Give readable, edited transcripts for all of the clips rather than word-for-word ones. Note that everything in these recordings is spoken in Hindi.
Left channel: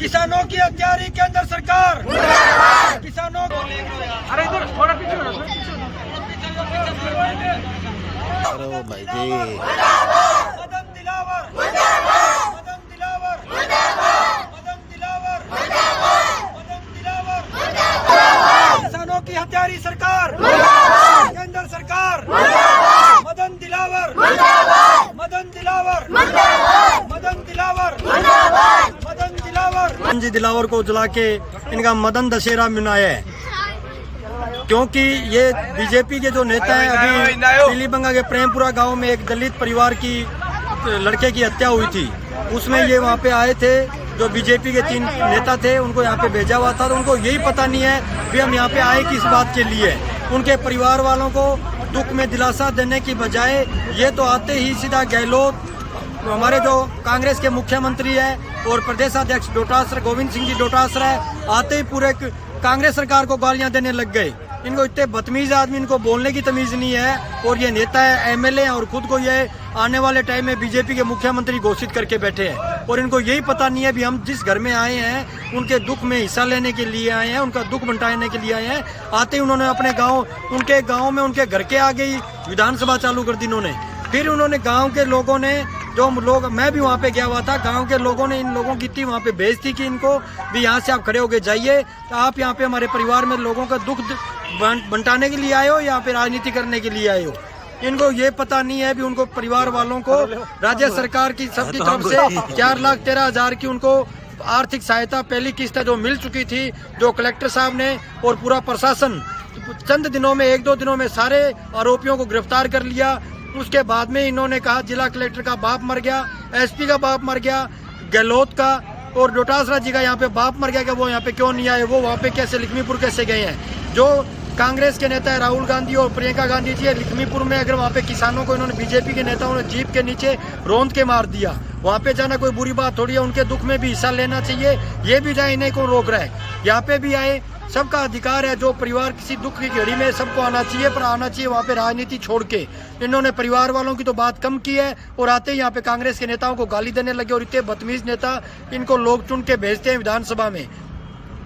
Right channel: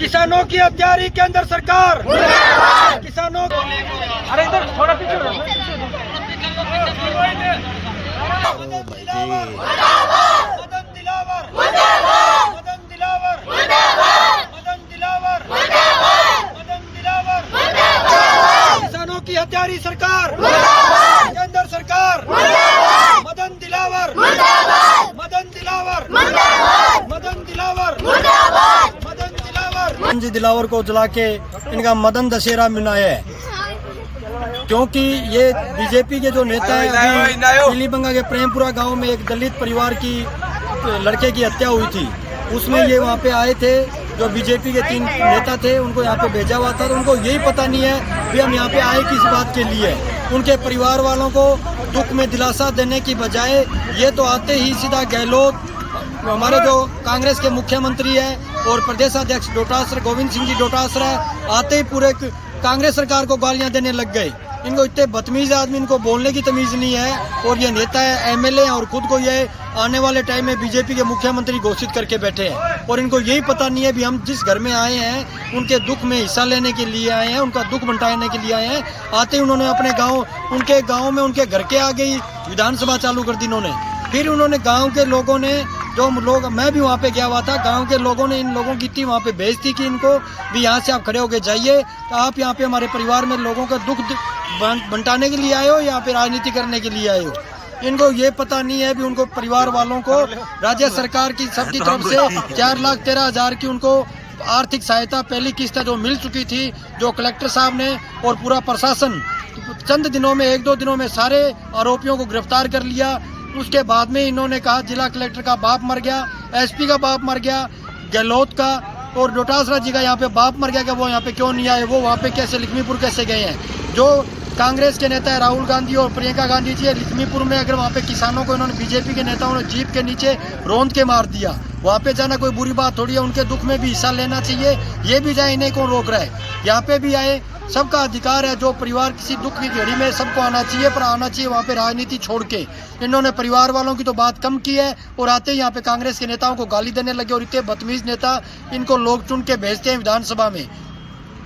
किसानों की हत्यारी केंद्र सरकार, किसानों को मदन दिलावर, मदन दिलावर, मदन दिलावर, मदन दिलावर, किसानों की हत्यारी सरकार, केंद्र सरकार, मदन दिलावर, मदन दिलावर, मदन दिलावर, मदन दिलावर। जी दिलावर को जला के इनका मदन दशहरा मनाया है, क्योंकि ये बीजेपी के जो नेता हैं, अभी पीलीबंगा के प्रेमपुरा गांव में एक दलित परिवार की लड़के की हत्या हुई थी, उसमें ये वहां पे आए थे। जो बीजेपी के 3 नेता थे उनको यहाँ पे भेजा हुआ था, तो उनको यही पता नहीं है भी हम यहाँ पे आए किस बात के लिए। उनके परिवार वालों को दुख में दिलासा देने की बजाय ये तो आते ही सीधा गहलोत, हमारे जो कांग्रेस के मुख्यमंत्री है और प्रदेशाध्यक्ष डोटासरा गोविंद सिंह जी डोटासरा है, आते ही पूरे कांग्रेस सरकार को गालियां देने लग गए। इनको इतने बदतमीज आदमी, इनको बोलने की तमीज नहीं है। और ये नेता है, एमएलए हैं और खुद को ये आने वाले टाइम में बीजेपी के मुख्यमंत्री घोषित करके बैठे हैं। और इनको यही पता नहीं है भी हम जिस घर में आए हैं उनके दुख में हिस्सा लेने के लिए आए हैं, उनका दुख बंटाने के लिए आए हैं। आते ही उन्होंने अपने गाँव, उनके गाँव में उनके घर के आगे ही विधानसभा चालू कर दी इन्होंने। फिर उन्होंने गाँव के लोगों ने, जो लोग, मैं भी वहाँ पे गया हुआ था, गांव के लोगों ने इन लोगों की इतनी वहाँ पे भेज थी कि इनको भी यहाँ से आप खड़े होके जाइए, तो आप यहाँ पे हमारे परिवार में लोगों का दुख बंटाने के लिए आए हो, यहाँ पे राजनीति करने के लिए आए हो। इनको ये पता नहीं है भी उनको परिवार वालों को राज्य सरकार की सबकी तरफ से 4,13,000 की उनको आर्थिक सहायता पहली किस्त जो मिल चुकी थी, जो कलेक्टर साहब ने और पूरा प्रशासन चंद दिनों में, 1-2 दिनों में सारे आरोपियों को गिरफ्तार कर लिया। उसके बाद में इन्होंने कहा जिला कलेक्टर का बाप मर गया, एसपी का बाप मर गया, गहलोत का और डोटासरा जी का यहाँ पे बाप मर गया कि वो यहाँ पे क्यों नहीं आए, वो वहाँ पे कैसे लक्ष्मीपुर कैसे गए हैं। जो कांग्रेस के नेता है राहुल गांधी और प्रियंका गांधी जी है, लक्ष्मीपुर में अगर वहाँ पे किसानों को इन्होंने, बीजेपी के नेताओं ने जीप के नीचे रौंद के मार दिया, वहाँ पे जाना कोई बुरी बात थोड़ी है। उनके दुख में भी हिस्सा लेना चाहिए, ये भी जाए, इन्हें कौन रोक रहा है। यहाँ पे भी आए, सबका अधिकार है। जो परिवार किसी दुख की घड़ी में सबको आना चाहिए, पर आना चाहिए वहाँ पे राजनीति छोड़ के। इन्होंने परिवार वालों की तो बात कम की है और आते ही यहाँ पे कांग्रेस के नेताओं को गाली देने लगे। और इतने बदतमीज नेता, इनको लोग चुन के भेजते हैं विधानसभा में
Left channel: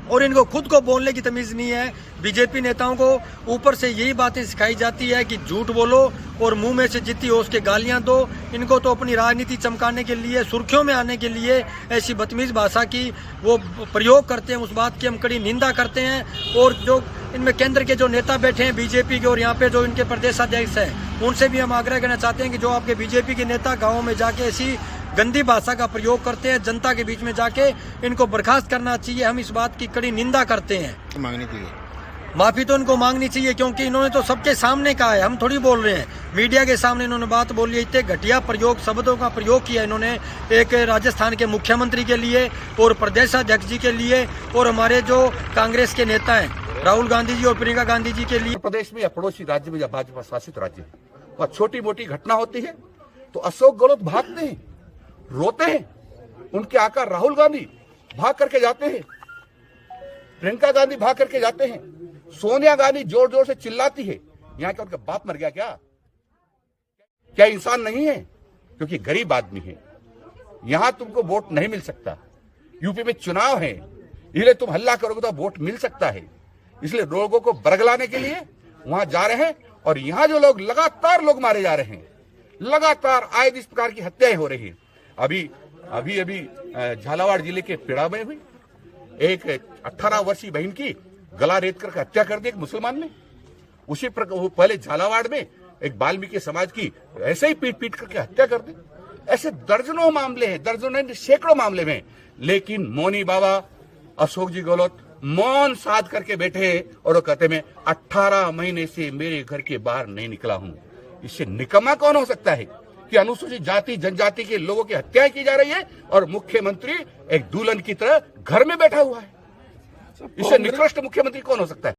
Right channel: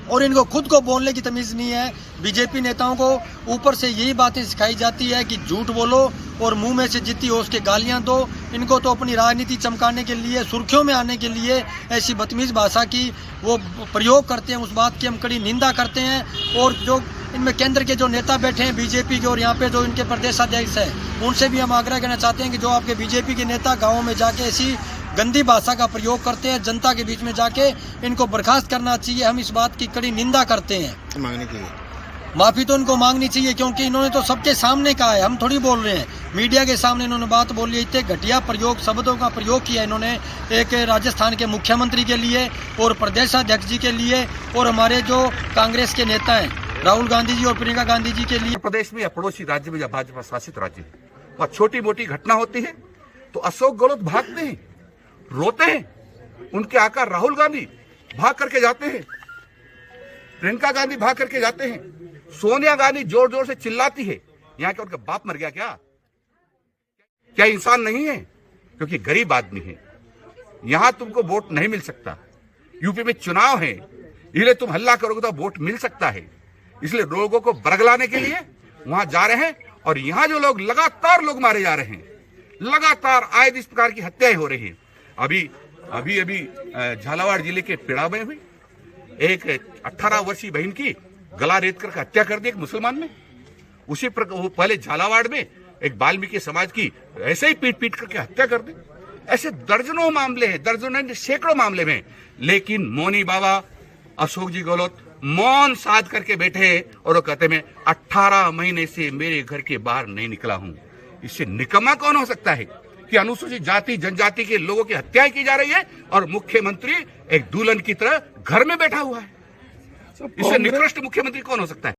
और इनको खुद को बोलने की तमीज नहीं है। बीजेपी नेताओं को ऊपर से यही बातें सिखाई जाती है कि झूठ बोलो और मुंह में से जितनी हो उसके गालियां दो। इनको तो अपनी राजनीति चमकाने के लिए, सुर्खियों में आने के लिए ऐसी बदतमीज भाषा की वो प्रयोग करते हैं। उस बात की हम कड़ी निंदा करते हैं। और जो इनमें केंद्र के जो नेता बैठे हैं बीजेपी के और यहाँ पे जो इनके प्रदेशाध्यक्ष हैं, उनसे भी हम आग्रह करना चाहते हैं कि जो आपके बीजेपी के नेता गाँवों में जाके ऐसी गंदी भाषा का प्रयोग करते हैं, जनता के बीच में जाके, इनको बर्खास्त करना चाहिए। हम इस बात की कड़ी निंदा करते हैं। मांगनी चाहिए माफी, तो इनको मांगनी चाहिए, क्योंकि इन्होंने तो सबके सामने कहा है, हम थोड़ी बोल रहे हैं। मीडिया के सामने इन्होंने बात बोली है, इतने घटिया प्रयोग, शब्दों का प्रयोग किया इन्होंने एक राजस्थान के मुख्यमंत्री के लिए और प्रदेशाध्यक्ष जी के लिए और हमारे जो कांग्रेस के नेता हैं राहुल गांधी जी और प्रियंका गांधी जी के लिए। प्रदेश में या पड़ोसी राज्य में या भाजपा शासित राज्य है, वहाँ छोटी मोटी घटना होती है तो अशोक गहलोत भागते हैं, रोते हैं। उनके आका राहुल गांधी भाग करके जाते हैं, प्रियंका गांधी भाग करके जाते हैं, सोनिया गांधी जोर जोर से चिल्लाती है। यहाँ क्या उनका बाप मर गया क्या इंसान नहीं है? क्योंकि गरीब आदमी है। यहां तुमको वोट नहीं मिल सकता। यूपी में चुनाव है, इसलिए तुम हल्ला करोगे तो वोट मिल सकता है। इसलिए लोगों को बरगलाने के लिए वहां जा रहे हैं। और यहाँ जो लोग लगातार लोग मारे जा रहे हैं, लगातार आए इस प्रकार की हत्याएं हो रही हैं। अभी झालावाड़ जिले के पेड़ा में हुई, एक 18 वर्षीय बहन की गला रेत कर हत्या कर दी एक मुसलमान ने। उसी प्रकार वो पहले झालावाड़ में एक वाल्मीकि समाज की ऐसे ही पीट करके हत्या कर दी। ऐसे दर्जनों मामले हैं, दर्जनों सैकड़ों मामले में। लेकिन मौनी बाबा अशोक जी गहलोत मौन साध करके बैठे और वो कहते मैं 18 महीने से मेरे घर के बाहर नहीं निकला हूं। इससे निकम्मा कौन हो सकता है कि अनुसूचित जाति जनजाति के लोगों की हत्याएं की जा रही है और मुख्यमंत्री एक दुल्हन की तरह घर में बैठा हुआ है। इससे निकृष्ट मुख्यमंत्री कौन हो सकता है?